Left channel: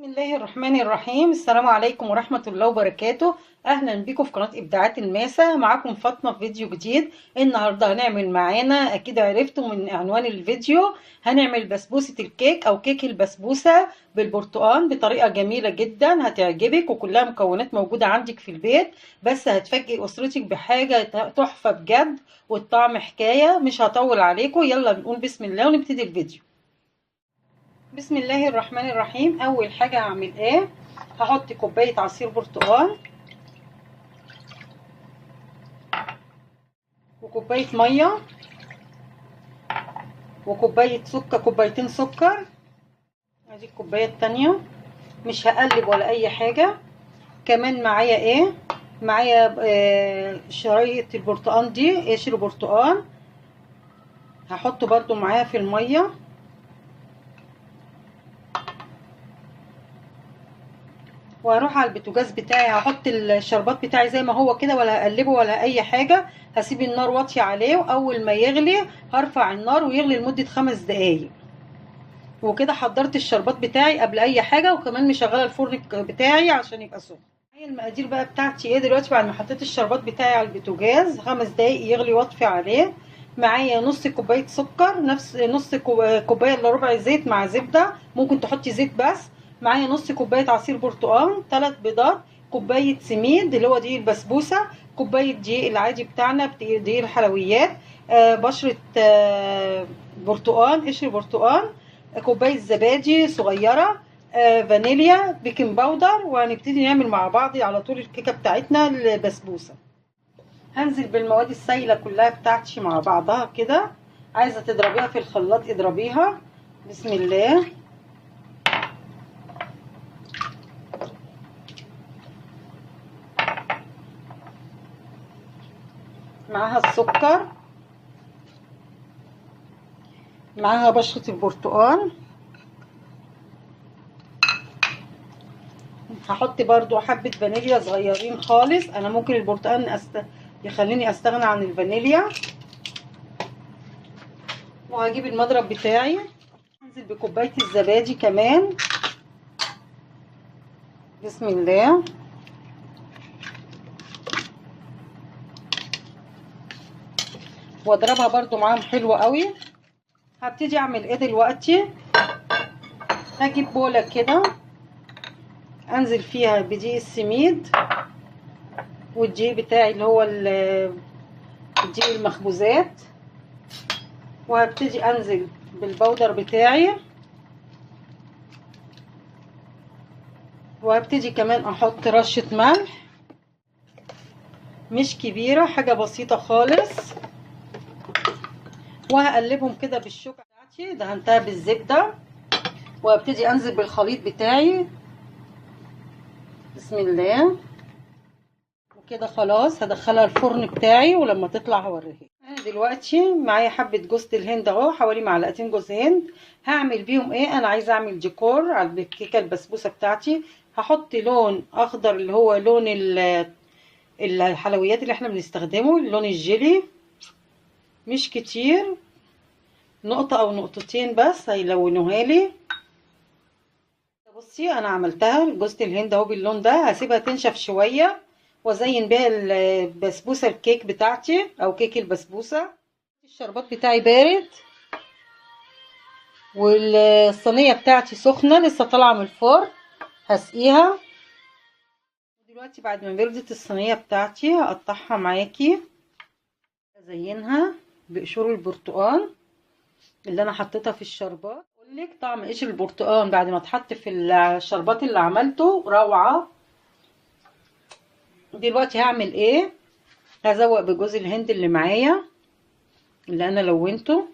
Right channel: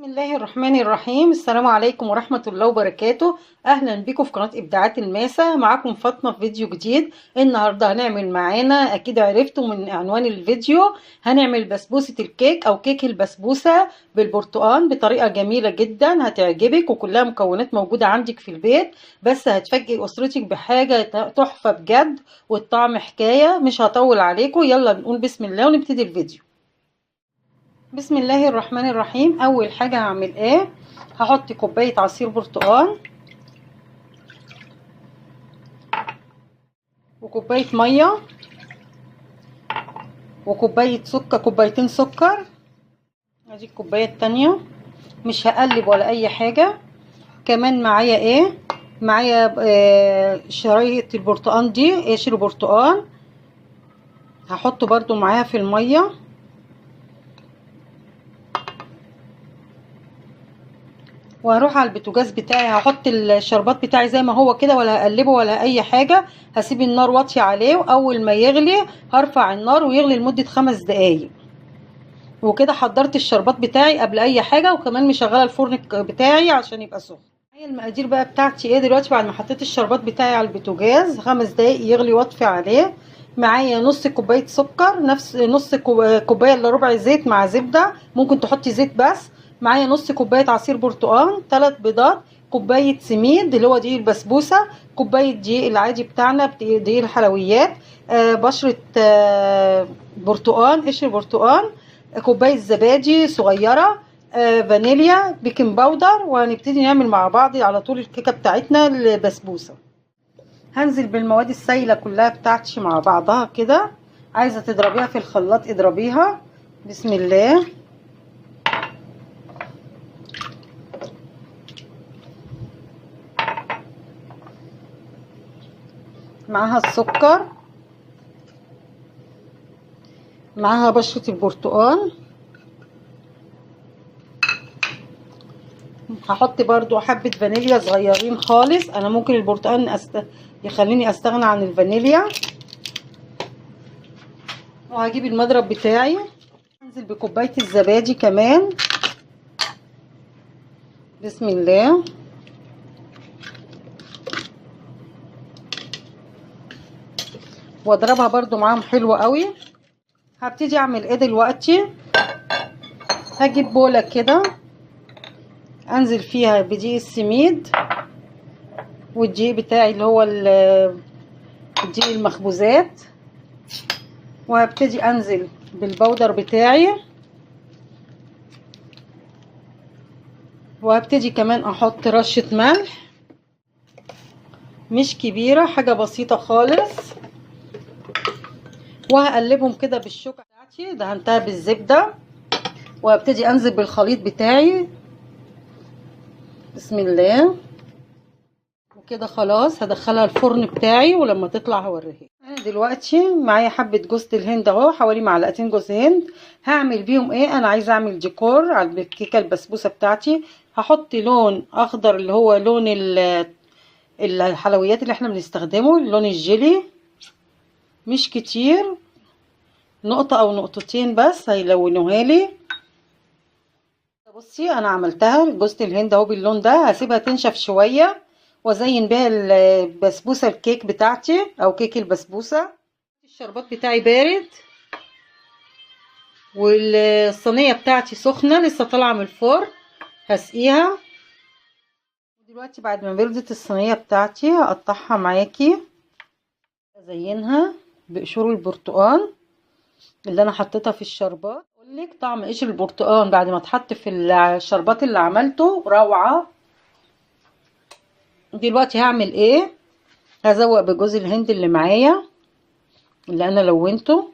بسم الله الرحمن الرحيم. السلام عليكم ورحمة الله وبركاته. أهلا بكم في قناة إبداعات الماسة. معاكم فاطمة في فيديو جديد. النهاردة هنعمل معانا، أكيد عرفتوا من عنوان الفيديو، هنعمل بسبوسة الكيك أو كيك البسبوسة بالبرتقال بطريقة جميلة جدا هتعجبك، وكلها مكونات موجودة عندك في البيت، بس هتفاجئ أسرتك بحاجة تحفة بجد، والطعم حكاية. مش هطول عليكم، يلا نقول بسم الله ونبتدي الفيديو. بسم الله الرحمن الرحيم. اول حاجه هعمل ايه، هحط كوبايه عصير برتقال وكوبايه ميه وكوبايه سكر، كوبايتين سكر. ادي الكوبايه التانية. مش هقلب ولا اي حاجه. كمان معايا ايه، معايا شرايط البرتقال دي، قشر برتقال، هحطه برضو معاها في الميه. وهروح على البوتاجاز بتاعي، هحط الشربات بتاعي زي ما هو كده، ولا هقلبه ولا اي حاجه. هسيب النار واطيه عليه، واول ما يغلي هرفع النار ويغلي لمده 5 دقايق. وكده حضرت الشربات بتاعي قبل اي حاجه، وكمان مشغله الفرن بتاعي عشان يبقى سخن. هي المقادير بقى بتاعتي ايه دلوقتي بعد ما حطيت الشربات بتاعي على البوتاجاز 5 دقايق يغلي واطفي عليه. معايا نص كوبايه سكر، نفس نص كوبايه الا ربع زيت مع زبده، ممكن تحطي زيت بس. معايا نص كوبايه عصير برتقال، 3 بيضات، كوبايه سميد اللي هو دقيق البسبوسه، كوبايه دقيق العادي بتاعنا، دقيق الحلويات، بشره برتقال، قشر برتقال، كوبايه زبادي صغيره، فانيليا، بيكنج باودر. وهنبتدي نعمل مع بعض على طول الكيكه بتاعتنا البسبوسه. هنزل بالمواد السائله كلها بتاعتي مع بعضها كده. عايزه تضربيها في الخلاط اضربيها. بسم الله. معاها السكر، معاها بشره البرتقال. هحط برضو حبه فانيليا صغيرين خالص، انا ممكن البرتقال يخليني استغنى عن الفانيليا. وهجيب المضرب بتاعي، انزل بكوبايه الزبادي كمان. بسم الله. واضربها برضو معاهم حلو قوي. هبتدي اعمل ايه دلوقتي، هجيب بوله كده انزل فيها بدقيق السميد والدقيق بتاعي اللي هو الدقيق المخبوزات، وهبتدي انزل بالبودر بتاعي، وهبتدي كمان احط رشة ملح مش كبيرة، حاجة بسيطة خالص. وهقلبهم كده بالشوكة بتاعتي، دهنتها بالزبدة، وهبتدي انزل بالخليط بتاعي. بسم الله. وكده خلاص هدخلها الفرن بتاعي، ولما تطلع هوريها. انا دلوقتي معايا حبه جوز الهند اهو، حوالي معلقتين جوز هند. هعمل بيهم ايه، انا عايزه اعمل ديكور على الكيكه البسبوسه بتاعتي. هحط لون اخضر اللي هو لون الحلويات اللي احنا بنستخدمه، لون الجيلي، مش كتير، نقطه او نقطتين بس هيلونوها لي. بصي انا عملتها جوز الهند اهو باللون ده، هسيبها تنشف شويه وازين بيها البسبوسه الكيك بتاعتي او كيك البسبوسه. الشربات بتاعي بارد، والصينيه بتاعتي سخنه لسه طالعه من الفرن، هسقيها. دلوقتي بعد ما بردت الصينيه بتاعتي هقطعها معاكي، ازينها بقشور البرتقال اللي انا حطيتها في الشربات. اقول لك طعم قشر البرتقال بعد ما اتحط في الشربات اللي عملته روعه. دلوقتي هعمل ايه، هزوق بجوز الهند اللي معايا اللي انا لونته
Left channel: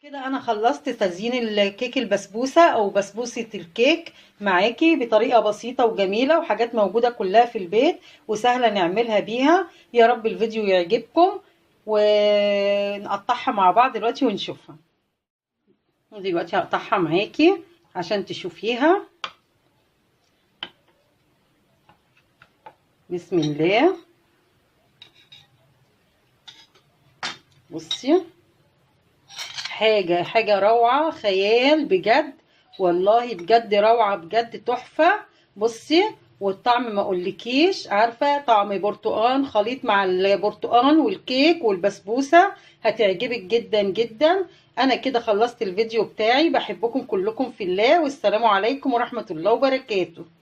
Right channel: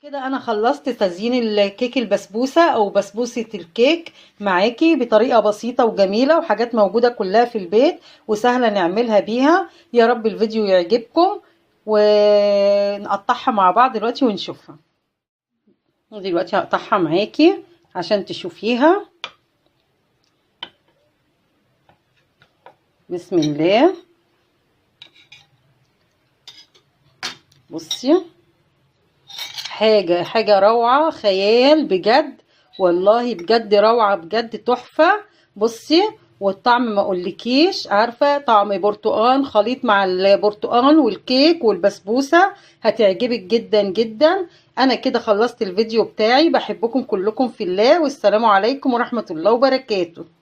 كده. انا خلصت تزيين الكيك البسبوسه او بسبوسه الكيك معاكي بطريقه بسيطه وجميله، وحاجات موجوده كلها في البيت وسهله نعملها بيها. يا رب الفيديو يعجبكم، ونقطعها مع بعض دلوقتي ونشوفها. دلوقتي هقطعها معاكي عشان تشوفيها. بسم الله. بصي، حاجه روعه خيال بجد، والله بجد روعة، بجد تحفة. بصي، والطعم ما اقولكيش، عارفة طعم برتقان خليط مع البرتقان والكيك والبسبوسة، هتعجبك جدا جدا. انا كده خلصت الفيديو بتاعي، بحبكم كلكم في الله، والسلام عليكم ورحمة الله وبركاته.